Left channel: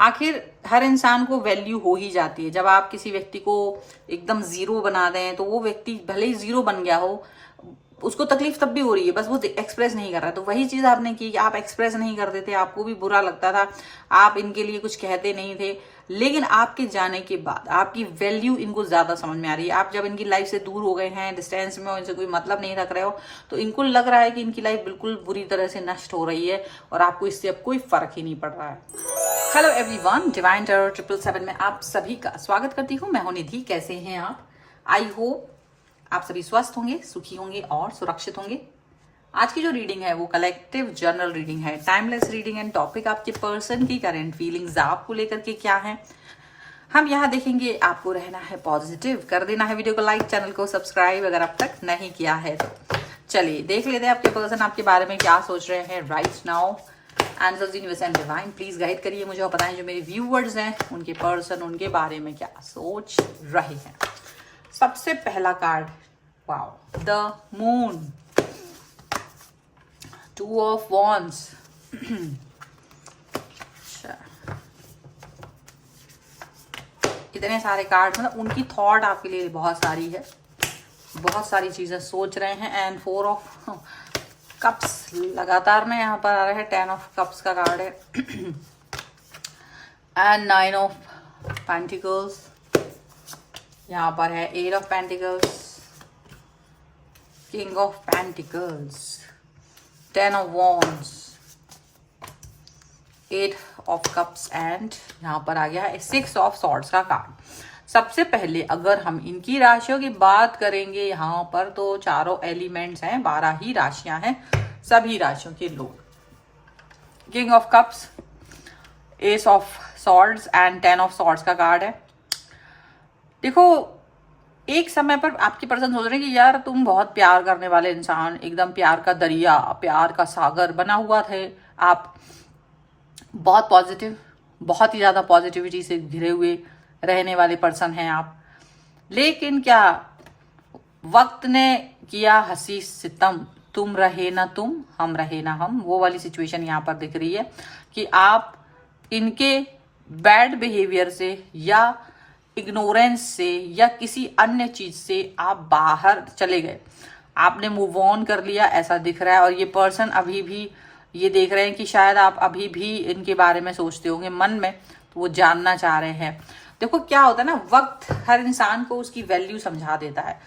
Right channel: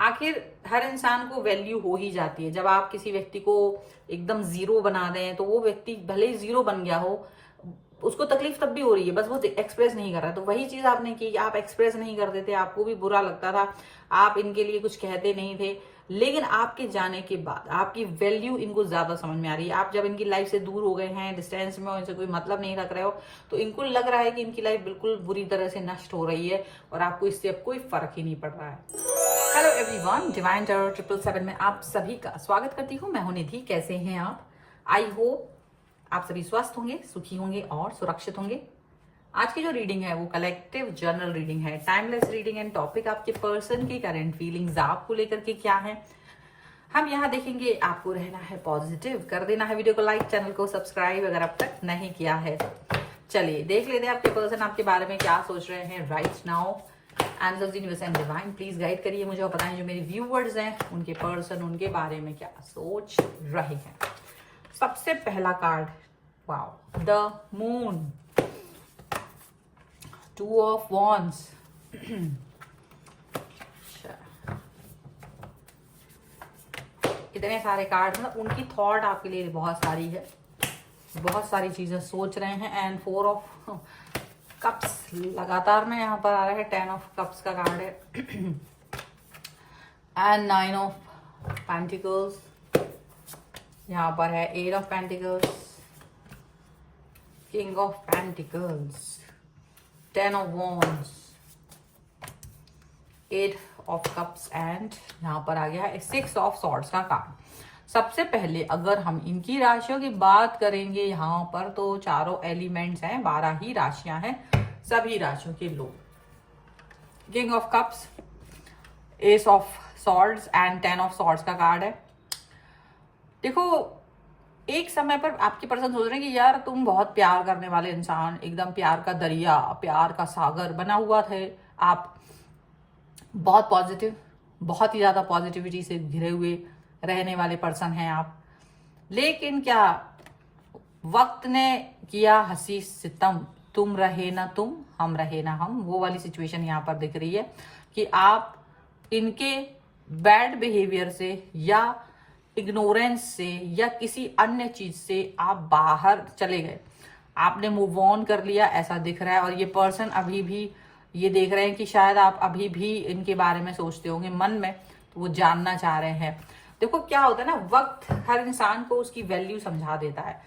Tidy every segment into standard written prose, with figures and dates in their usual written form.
आखिर हर इंसान को वैल्यू हो ही जाती है। जब आप किसी व्यक्ति को एकदम जीरो बना दें तो वो व्यक्ति भले ही जीरो बन गया हो, उसको तकलीफ तब भी हो रही है, बस वो एक्सप्रेस नहीं कर रहा। तो वही चीज आपने की कि आप एक्सप्रेस नहीं करते थे, आपको भी बुरा लगता था, आप इनके लिए कुछ कहते नहीं थे। लेकिन आपके जाने के बाद आपकी वैल्यू इनको ज्यादा समझ में आ रही है। आप जब इनकी लाइफ से दूर हो गए हैं, डिस्टेंस में हो, इनसे कोई मतलब नहीं रख रहे हो, तो इनको लग रहा है कि इनकी लाइफ बिल्कुल बुरी तरह से नष्ट हो रही है और आपको इससे अब कोई फर्क ही नहीं पड़ रहा है। हेलो एवरीवन, डिवाइन टैरो 777 में आप सभी का स्वागत करती हूँ। मैं हूं निधि। कैसे हैं आप? आई होप आप सभी स्वस्थ होंगे, सुखी होंगे और सुरक्षित होंगे। आज की जो रीडिंग है वो कलेक्टिव जर्नल रीडिंग है, टाइमलेस रीडिंग एंड टॉपिक आपके पर्सन की करंट फीलिंग्स आपको लेकर के क्या है हम यहाँ देखेंगे। आपको रहना है पॉजिटिव, कर देना है वीडियो को लाइक, चैनल को सब्सक्राइब अगर अब तक नहीं किया है। चलिए देख लेते हैं आपके पर्सन आपके बारे में क्या सोच रहे हैं right now. Answers universe and divine please guide करिए मुझे और बताएं जो मेरे व्यूवर्स हैं उनके पर्सन उनके बारे में क्या सोच रहे हैं। सबसे पहला card, wow, the moon, 2 of wands. इतने सारे कार्ड, मतलब उनकी थॉट आपके लिए बहुत सारी है, बहुत सारी चीजें सोच रहे हैं। एंड 4 ऑफ कप्स लगातार में यहाँ पर आ रहा है। 10 ऑफ कप्स का कार्ड है एंड 9 ऑफ पेंटिकल्स। यहाँ पर है 8 of pentacles, king of pentacles, 10 of wands, 8 of cups and यहाँ पर आ गया है 6 ऑफ सॉर्ड्स का कार्ड। सबसे पहले अगर हम इनकी राशियों की बात करेंगे यहाँ पर, तो चारों एलिमेंट्स हैं, 12 ही राशियां हैं, सभी राशियों के लोग। King of cups, S of swords and 10 of swords का कार्ड है। देखो, एक समय पर आपकी पर्सन सोच रहे हैं कि यार तुम बहुत प्यार करने वाले इंसान, एकदम प्यार का दरिया, प्यार का सागर बना हुआ थे आप, बहुत पॉजिटिव, बहुत ही ज्यादा पॉजिटिविटी से घिरे हुए रहने वाले पर्सन हैं आप। लेकिन क्या वक्त ने किया हंसी सितम, तुम रहे ना तुम, हम रहे ना हम, वो वाली सिचुएशन यहाँ पर दिख रही है कि आप इनके बैड बिहेवियर से या इग्नोरेंस से या किसी अन्य चीज से आप बाहर चले गए, आपने मूव ऑन कर लिया ऐसा दिख रहा है। और ये पर्सन अभी भी ये देख रहे हैं कि शायद आप अभी भी इनके बारे में सोचते होंगे मन में, तो वो जानना चाह रहे हैं। देखो क्या होता है ना, वक्त हर इंसान को उसकी वैल्यू समझा देता है।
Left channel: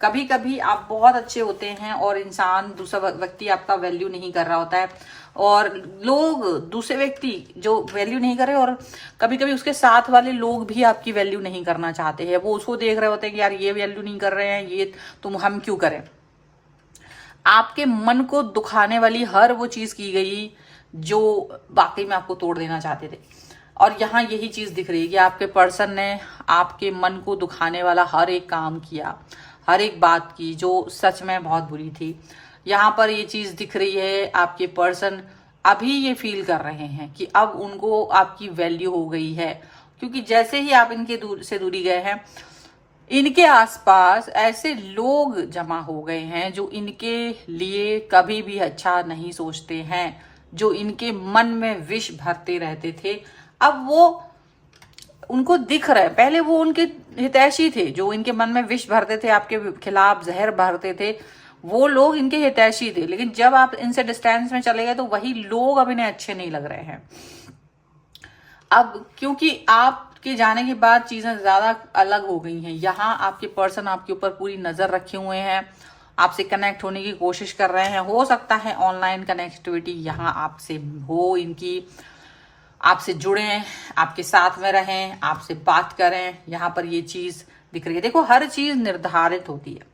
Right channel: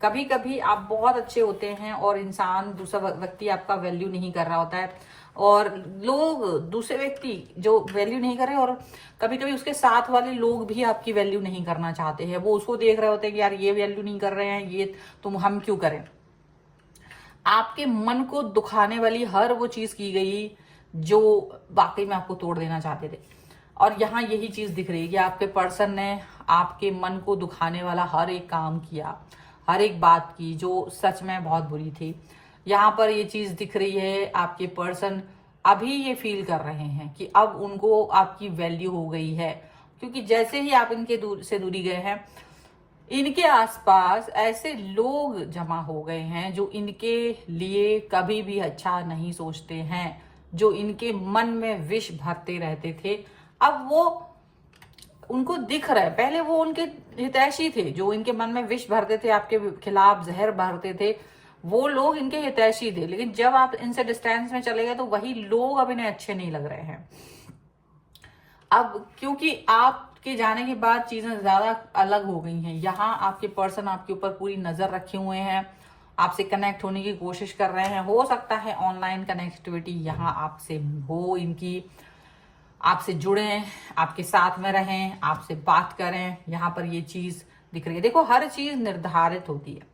कभी कभी आप बहुत अच्छे होते हैं और इंसान, दूसरा व्यक्ति आपका वैल्यू नहीं कर रहा होता है, और लोग, दूसरे व्यक्ति जो वैल्यू नहीं कर रहे, और कभी कभी उसके साथ वाले लोग भी आपकी वैल्यू नहीं करना चाहते हैं। वो उसको देख रहे होते हैं कि यार ये वैल्यू नहीं कर रहे हैं, ये तुम हम क्यों करें। आपके मन को दुखाने वाली हर वो चीज की गई जो वाकई में आपको तोड़ देना चाहते थे। और यहाँ यही चीज दिख रही है कि आपके पर्सन ने आपके मन को दुखाने वाला हर एक काम किया, हर एक बात की जो सच में बहुत बुरी थी। यहाँ पर ये चीज दिख रही है, आपके पर्सन अभी ये फील कर रहे हैं कि अब उनको आपकी वैल्यू हो गई है, क्योंकि जैसे ही आप इनके दूर से दूरी गए हैं, इनके आसपास ऐसे लोग जमा हो गए हैं जो इनके लिए कभी भी अच्छा नहीं सोचते हैं, जो इनके मन में विष भरते रहते थे। अब वो उनको दिख रहा है, पहले वो उनके हितैषी थे, जो इनके मन में विष भरते थे, आपके खिलाफ जहर भरते थे, वो लोग इनके हितैषी थे। लेकिन जब आप इनसे डिस्टेंस में चले गए तो वही लोग अब इन्हें अच्छे नहीं लग रहे हैं। अब क्योंकि आपके जाने के बाद चीजें ज्यादा अलग हो गई हैं। यहाँ आपके पर्सन आपके ऊपर पूरी नजर रखे हुए हैं, आपसे कनेक्ट होने की कोशिश कर रहे हैं। हो सकता है ऑनलाइन कनेक्टिविटी यहाँ आपसे हो, इनकी आपसे जुड़े, आपके साथ में रहें, आपसे बात करें। यहाँ पर ये चीज दिख रही है। देखो, हर चीज निर्धारित होती है।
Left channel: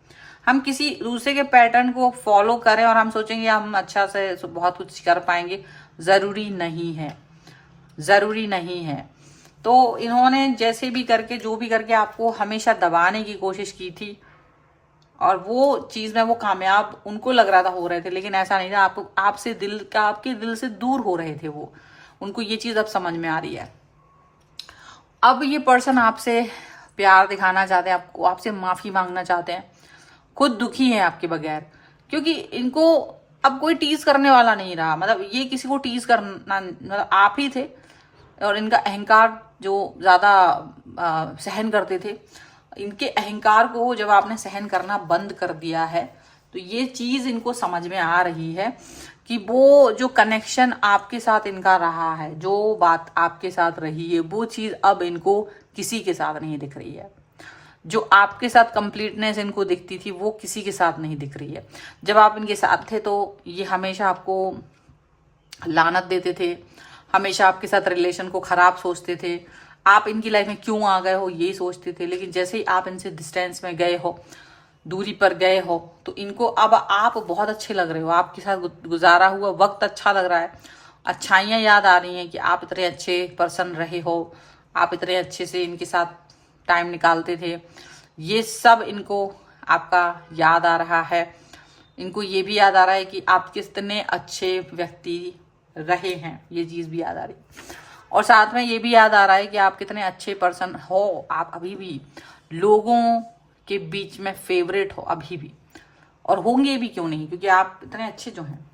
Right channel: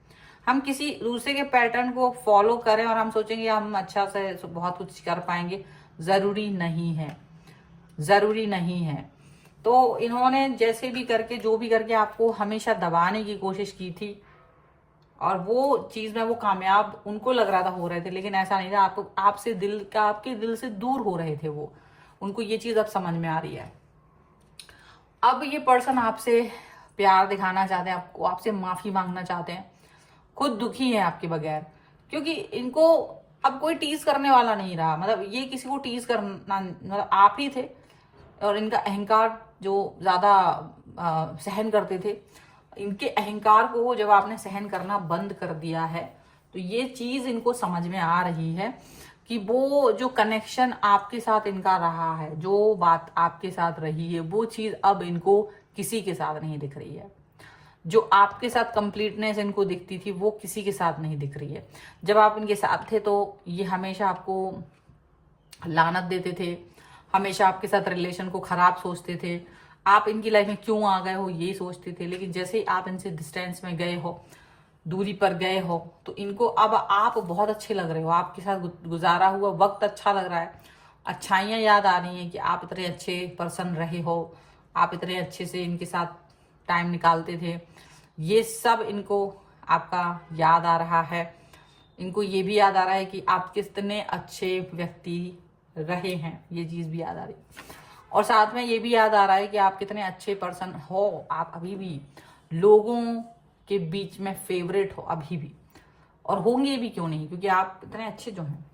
हम किसी दूसरे के पैटर्न को फॉलो करें और हम सोचेंगे हम अच्छा से बहुत कुछ कर पाएंगे, जरूरी नहीं है, जरूरी नहीं है। तो इन्होंने जैसे भी करके, जो भी करके आपको हमेशा दबाने की कोशिश की थी, और वो चीज में वो कामयाब उनको लग रहा था हो रहे थे, लेकिन ऐसा नहीं था। आपको आपसे दिल का, आपके दिल से दूर हो रहे थे वो। उनको ये चीज अब समझ में आ रही है। अब ये पर्सन आपसे प्यार दिखाना चाहते हैं, आपको, आपसे माफी मांगना चाहते हैं, खुद दुखी है आपके बगैर, क्योंकि इनको अब कोई टीज करने वाला नहीं रहा। मतलब ये किसी को टीज करना, मतलब आप ही थे और इनका अहंकार जो ज़्यादा सहन करते थे, इनके अहंकार को जब आपने सहन करना बंद कर दिया है तो ये चीज़ इनको समझ में आ रही है कि वो जो कनेक्शन आपके साथ इनका रहा है, जो बात आपके साथ रही है, वो चीज़ अब इनको किसी के साथ नहीं दिख रही है। जो आपके साथ कंप्लीटनेस इनको दिखती थी वो किसी के साथ नहीं दिख रही है। जब आप इनके साथ थे तो ये हमेशा आपको लानत देते थे, हमेशा आपके साथ रिलेशन को खराब सोचते थे, आप इनकी लाइफ में क्यों आ गए हो ये सोचते थे। लेकिन जैसे ही आप इनसे डिस्टेंस में गए हो, दूरी पर गए हो, तो इनको अब आप बहुत अच्छे लग रहे हो, आपके साथ गुजारा हुआ वक्त अच्छा लग रहा है, अच्छाइयाँ याद आ रही हैं कि आप इतने अच्छे पर्सन रहे हो, आप इतने अच्छे से इनके साथ टाइम निकालते थे। ये सब इनको आपका याद आ रहा है। इनको ये भी याद आ रहा है कि आप कितने अच्छे व्यक्ति रहे हैं, ये चीज़ भी याद आ रही। और साथ में ये भी याद आ रहा है कि आप कितने अच्छे पर्सन हो, आप अभी भी लोगों के बीच में फेवरेट हो अभी भी, और होंगे भी, क्यों नहीं, क्योंकि आप इतने अच्छे जो हैं।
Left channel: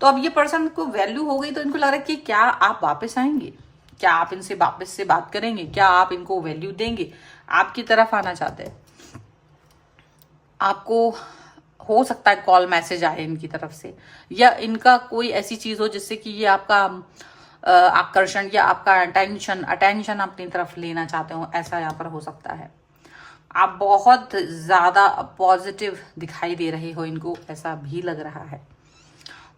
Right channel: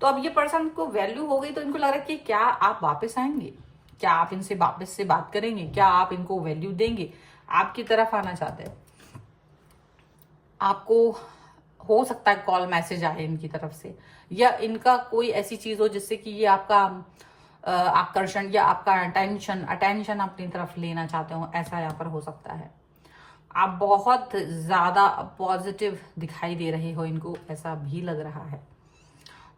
तो अब ये पर्सन को वैल्यू हो गई तो इनको लग रहा है कि क्या आप वापस आएंगे, क्या आप इनसे वापस से बात करेंगे, क्या आप इनको वैल्यू देंगे, आपकी तरफ आना चाहते हैं। आपको हो सकता है कॉल मैसेज आए इनकी तरफ से, या इनका कोई ऐसी चीज हो जिससे कि ये आपका आकर्षण या आपका अटेंशन अपनी तरफ लेना चाहते हो, ऐसा यहाँ पर हो सकता है। आप बहुत ज्यादा पॉजिटिव दिखाई दे रहे हो इनको, ऐसा भी लग रहा है।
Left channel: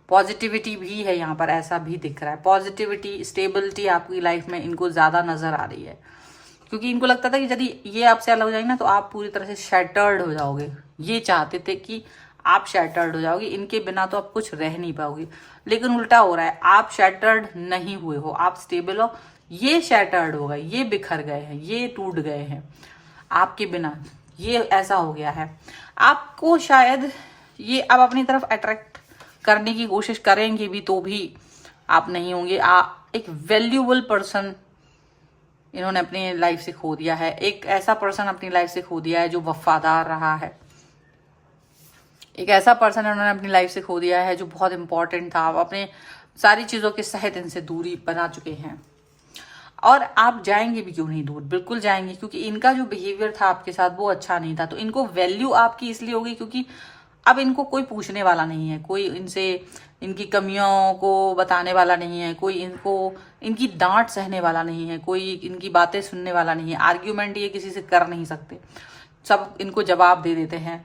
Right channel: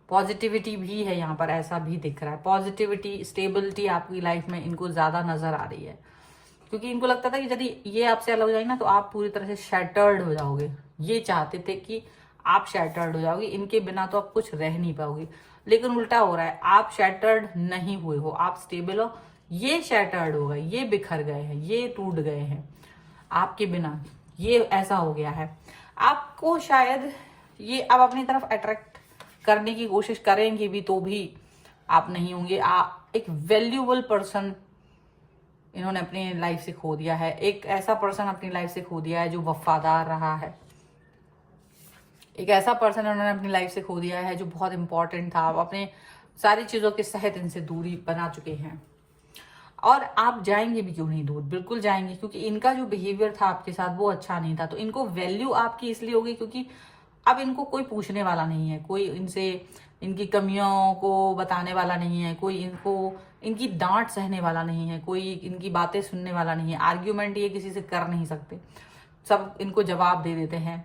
पॉजिटिविटी भी है यहाँ पर, ऐसा भी दिख रहा है। पॉजिटिविटी, स्टेबिलिटी आपकी लाइफ में इनको ज्यादा नजर आ रही है, क्योंकि इनको लगता था कि यदि ये आपसे अलग हो जाएगी ना तो आप पूरी तरह से शैटर्ड हो जाओगे। ये चाहते थे कि आप शैटर्ड हो जाओगे, इनके बिना तो आप कुछ रह नहीं पाओगे। लेकिन उल्टा हो रहा है, आप शैटर्ड नहीं हुए हो, आप स्टेबल हो। ये शैटर्ड हो गए, ये बिखर गए हैं, ये टूट गए हैं आपके बिना, ये ऐसा हो गया है। आपको शायद ये अब अपनी तरफ अट्रैक्ट करने की कोशिश करेंगे भी तो भी आप नहीं होंगे। आप एक वैल्यूएबल पर्सन इन्होंने अपनी लाइफ से खो दिया है, एक ऐसा पर्सन अपनी लाइफ से खो दिया है जो वफादार रहा है, एक ऐसा पर्सन इन्होंने अपनी लाइफ से खो दिया है जो बहुत इंपॉर्टेंट था। अपने सारी चीजों के सहित इनसे दूरी बना चुके हैं। और आप जाएंगे भी क्यों नहीं दूर, बिल्कुल जाएंगे, क्योंकि इनका जो बिहेवियर था आपके साथ वो अच्छा नहीं था। तो इनको वैल्यू आपकी इसलिए होगी क्योंकि अब इनको कोई पूछने वाला नहीं है, कोई इनसे इनकी कमियों को बताने वाला नहीं है, कोई इनको इनकी डांट सहने वाला नहीं है, कोई इनकी बातें सुनने वाला नहीं है। आर्ग्यूमेंट ये किसी से कर नहीं सकते, सब इनको जवाब दे देते हैं।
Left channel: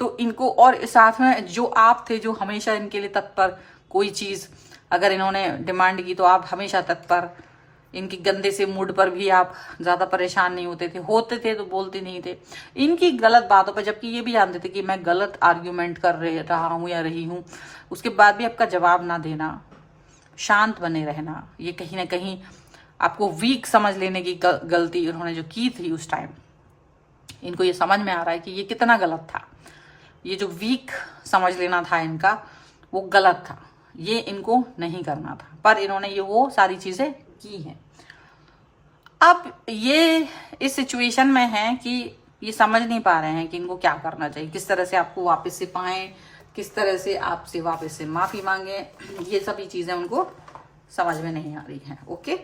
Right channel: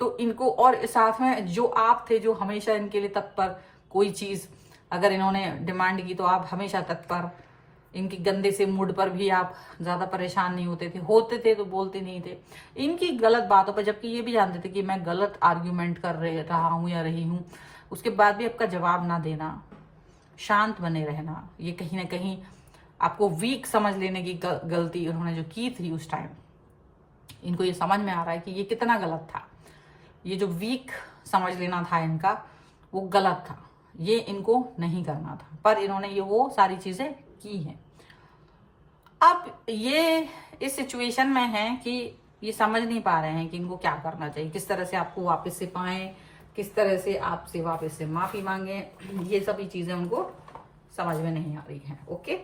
तो इनको, और साथ में जो आप थे जो हमेशा इनके लिए तत्पर, कोई चीज अगर इन्होंने डिमांड की तो आप हमेशा तत्पर, इनकी गंदे से मूड पर भी आप ज्यादा परेशान नहीं होते थे तो बोलते नहीं थे इनकी गलत बातों पर, जबकि ये भी जानते थे कि मैं गलत आर्ग्यूमेंट कर रहा हूं या रही हूं, उसके बाद भी आपका जवाब ना देना, शांत बने रहना, ये कहीं ना कहीं आपको वीक समझ लेने की गलती उन्होंने जो की थी उस टाइम, इनको ये समझ में आ रहा है कि ये कितना गलत था। ये जो वीक समझ लेना था इनका वो गलत था, ये इनको नहीं करना था, पर इन्होंने ये वो सारी चीजें की हैं। अब ये इस सिचुएशन में है कि ये समझ नहीं पा रहे हैं कि इनको क्या करना चाहिए, किस तरह से आपको वापस से पाएं, किस तरह से आपसे वापस से माफी मांगे, ये सभी चीजें उनको समझ में नहीं आ रही हैं। ओके,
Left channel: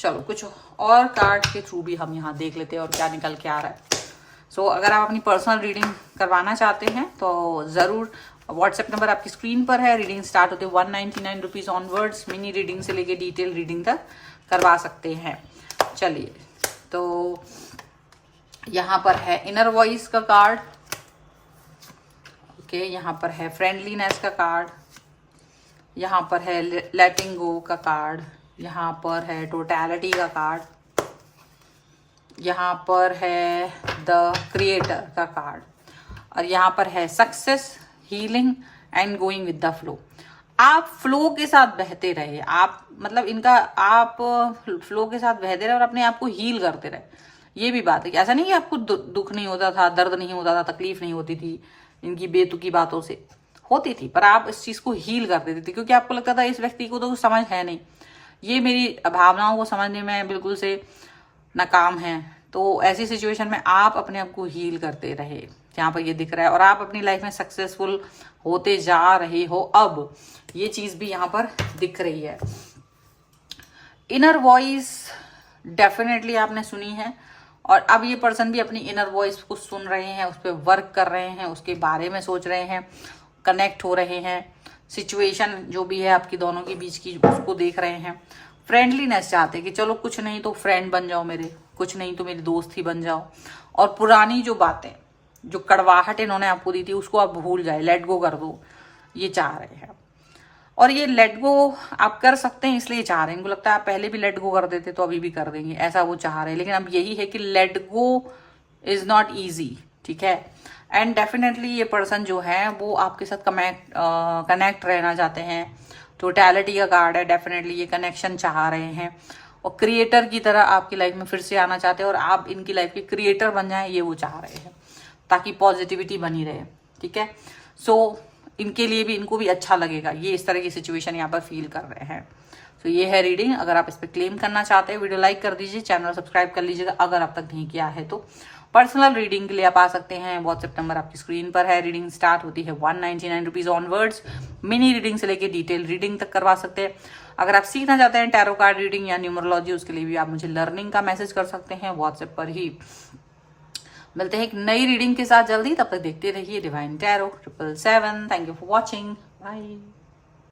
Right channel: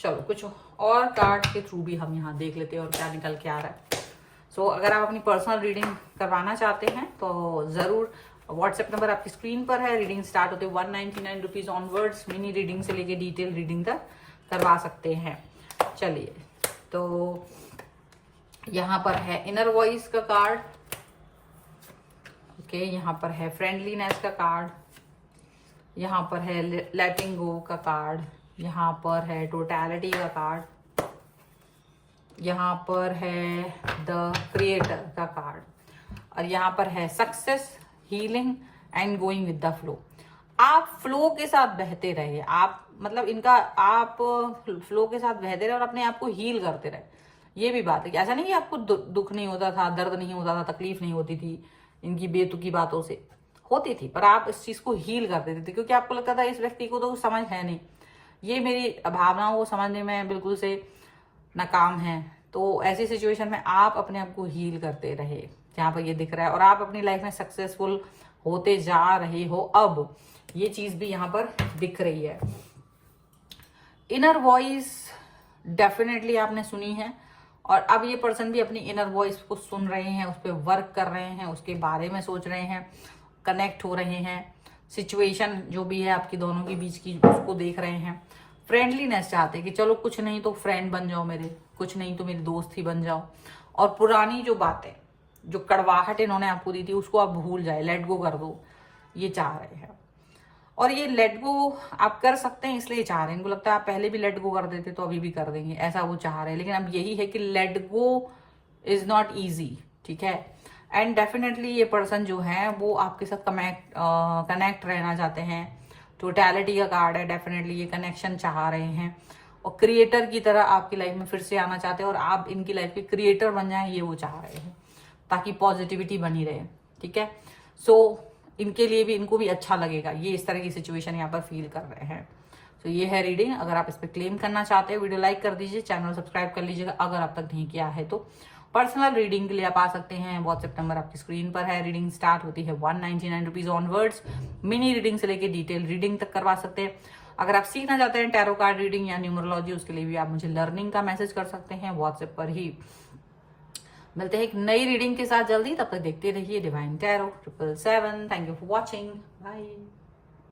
चलो कुछ और कार्ड के थ्रू भी हम यहाँ देख लेते हैं और क्या निकल के आ रहा है। सो अगर आप अपनी पर्सनल रीडिंग करवाना चाहते हैं तो ज़रूर व्हाट्सएप नंबर आपकी स्क्रीन पर है। रीडिंग स्टार्ट होते 199 रुपीज़ ऑनवर्ड्स, मिनी रीडिंग से लेके डिटेल रीडिंग तक करवा सकते हैं। चलिए, तो यहाँ पर है इनर वॉइस का कार्ड, ओके, यहाँ पर है फ्रेंडलीनेस का कार्ड, यहाँ पर है लेटिंग गो का कार्ड, यहाँ पर है टोटलिटी का कार्ड, यहाँ पर है द क्रिएटर का कार्ड, और यहाँ पर है success, healing and going with the flow. आप फ्लो के साथ बहते रहे, आप मतलब इनका आप फ्लो के साथ बहते रहे और अपने आप को हील करते रहे। ये भी बात है कि ऐसा नहीं कि आपको दुख नहीं होता था, दर्द नहीं होता था, तकलीफ नहीं होती थी, इनकी बेतुकी बातों से होती थी, पर आप इस चीज को हील कर देते थे क्योंकि आपको लगता था इस व्यक्ति को तो कुछ समझ है नहीं, ये मेरी भावनाओं को समझने में बिल्कुल से नाकाम है। तो ऐसी सिचुएशन में आप अपने आप को हील करते रहे, यहाँ पर ये दिख रहा है, और आप अपनी लाइफ में सक्सेसफुल होते जा रहे हो। अब ये चीज भी यहाँ पर दिख रही है। इनर वॉइस डेफिनेटली आपने सुनी है, और अब ये पर्सन भी अपनी इनर वॉइस को सुन रहे हैं, उस पर वर्क कर रहे हैं, उसके बारे में सोच रहे हैं, कनेक्ट हो रहे हैं, सिचुएशन जो भी है आपकी दोनों के बीच की उसको देख रहे हैं। फ्रेंडलीनेस चाहते कि चलो कुछ नहीं तो फ्रेंड बन जाओ मेरे, कुछ नहीं तो मेरी दोस्त ही बन जाओ, और पुरानी जो बातें, जो कड़वाहट इन्होंने आपको दी थी उसको आप भूल जाए, लेट गो कर दो, ये चाह रहे हैं। और ये लेट गो आप कर सकते हैं इसलिए चाह रहे हैं, इनको लगता है आप पहले भी लेट गो कर देते तो अभी भी कर देंगे, ऐसा वो चाह रहे हैं। लेकिन अब यही है कि let go is not easy, ठीक है। एंड डेफिनेटली ये पर्सन जो है वो आपके साथ कनेक्ट रहना चाहते हैं। टोटैलिटी का कार्ड है, डेफिनेटली ये कनेक्शन चाह रहे हैं, और क्रिएटर की तरह आपकी लाइफ में फिर से आना चाहते हैं, और आप इनकी लाइफ के क्रिएटर बन जाएं, ये वो चाह रहे हैं, ताकि पॉजिटिविटी बनी रहे, ठीक है। सो इनके लिए भी, इनको भी अच्छा लगेगा, ये इस तरह की सिचुएशन यहाँ पर फील कर रहे हैं। तो ये है रीडिंग। अगर आप इस पर क्लेम करना चाहते हैं, वीडियो लाइक कर दीजिए, चैनल सब्सक्राइब कर लीजिएगा अगर अब तक नहीं किया है तो। पर्सनल रीडिंग के लिए आप आ सकते हैं, व्हाट्सएप नंबर आपकी स्क्रीन पर है। रीडिंग स्टार्ट होती है 199 रुपीज ऑनवर्ड्स। मिनी रीडिंग से लेके डिटेल रीडिंग तक करवा सकते हैं। अगर आप सीखना चाहते हैं टैरो कार्ड रीडिंग या न्यूमरोलॉजी, उसके लिए भी आप मुझे लर्निंग का मैसेज कर सकते हैं व्हाट्सएप पर ही। मिलते हैं एक नई रीडिंग के साथ जल्दी, तब तक देखते रहिए divine tarot 777। Thank you for watching, bye.